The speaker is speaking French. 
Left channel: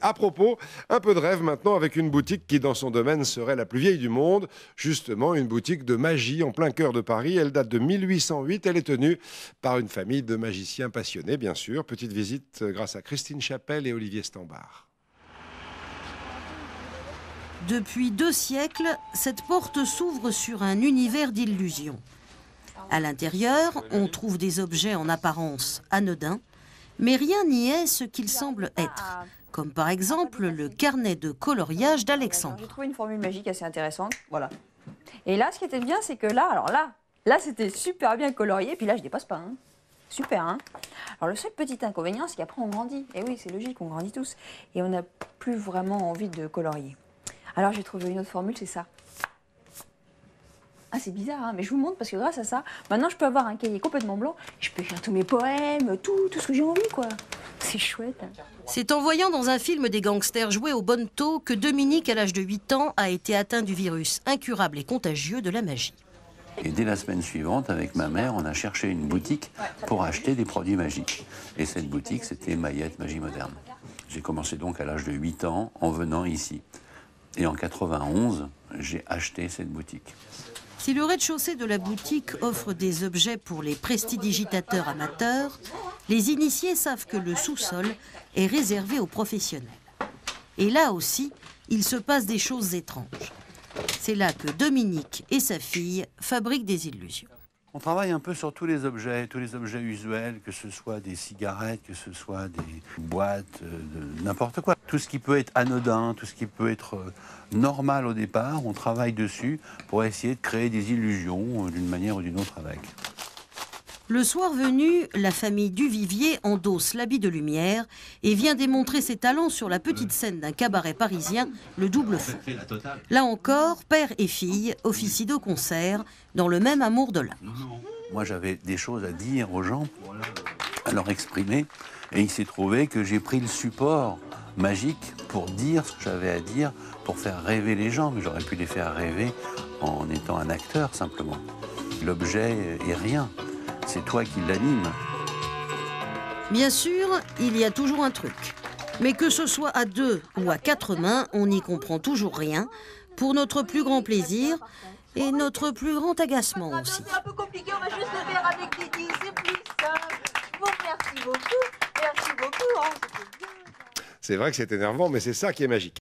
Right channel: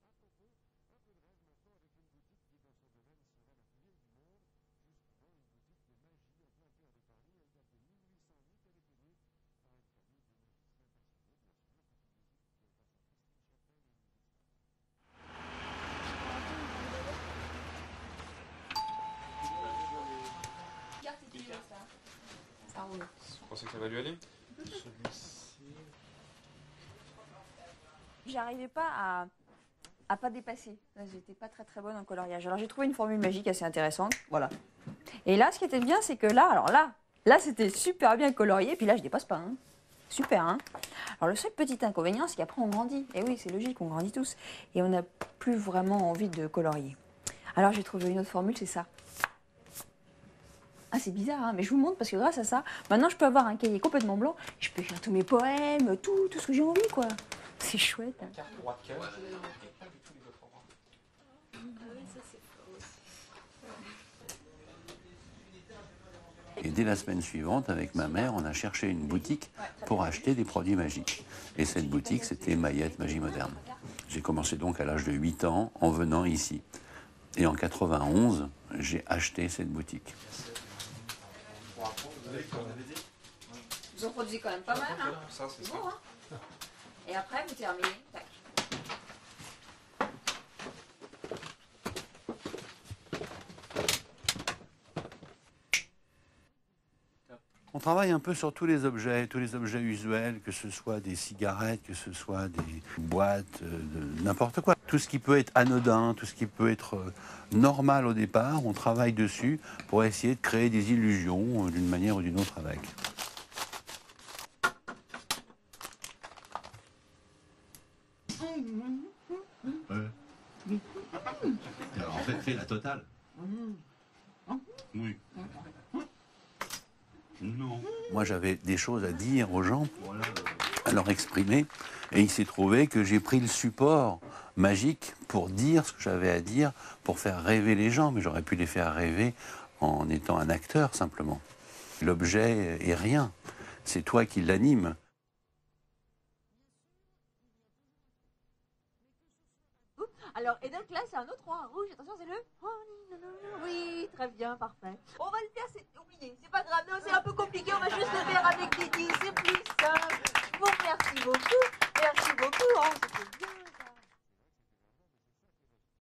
À propos, un peu de rêve maintenant avec une boutique qui dans son domaine serait la plus vieille du monde. Justement, une boutique de magie en plein cœur de Paris. Elle date de 1808. Elle est tenue par une famille de magiciens passionnés, bien sûr. Petite visite grâce à Christine Chapelle et Olivier Stambard. Depuis 2 siècles, cette porte s'ouvre sur un univers d'illusions. À l'intérieur, on trouve des objets en apparence anodins, mais rien n'y est ce qu'il semble être. Comme par exemple le carnet de coloriage d'Alexandre. J'ai trouvé une formule magique assez intéressante, voilà. Et là, ce qui était bien, c'est que là c'était super bien colorié, puis là je dépasse pas, hein. Super, hein. Alors le seul petit inconvénient, c'est qu'après on grandit. Et oui, c'est logique, on grandit tous. Et on n'a plus vraiment envie de colorier. Alors j'ai trouvé une autre formule, c'est ça. Ah, c'est bizarre, hein, mais je vous montre parce que grâce à ça, maintenant je peux avoir un cahier complètement blanc. Je peux écrire tous mes poèmes, tout ce que j'ai envie, quoi. C'est chouette. Hein. C'est en voyant dans un film des gangsters jouer au bonneto que Dominique, à l'âge de 8 ans, a été atteint du virus incurable et contagieux de la magie. Et dès la semaine suivante, avec ma mère, on a cherché une boutique pour acheter des produits magiques. Et cette boutique, c'était Mayette Magie Moderne. J'ai commencé donc à l'âge de 8 ans en venant ici. Et en 91, j'ai acheté cette boutique. Si le rez-de-chaussée de la boutique offre des objets pour les prestidigitateurs amateurs, les initiés savent que le sous-sol est réservé aux professionnels. Et là aussi, il se passe des choses étranges. C'est là que Dominique et sa fille fabriquent des illusions. On travaille un peu sur tous les objets usuels, que ce soit des cigarettes, que ce soit des boîtes, n'importe quoi. Tout ce qui peut être anodin, tout ce qui peut être normal au départ, on travaille dessus pour essayer de créer des illusions d'une manière ou d'une autre avec. Le soir venu, la famille Duvivier endosse l'habit de lumière et vient démontrer ses talents sur la petite scène d'un cabaret parisien, le Double Fond. Là encore, père et fille officient de concert dans le même amour de l'art. Moi, j'avais des choses à dire aux gens, à leur exprimer, et il s'est trouvé que j'ai pris le support magique pour dire ce que j'avais à dire, pour faire rêver les gens, mais j'aurais pu les faire rêver en étant un acteur simplement. L'objet est rien. C'est toi qui l'anime. Bien sûr, il y a toujours un truc. Mais que ce soit à 2 ou à 4 mains, on n'y comprend toujours rien, pour notre plus grand plaisir et notre plus grand agacement aussi. C'est un peu compliqué, on va juste le faire avec Didi, c'est plus simple. Bon, merci beaucoup, hein, C'est vrai que c'est énervant, mais c'est ça qui est magique.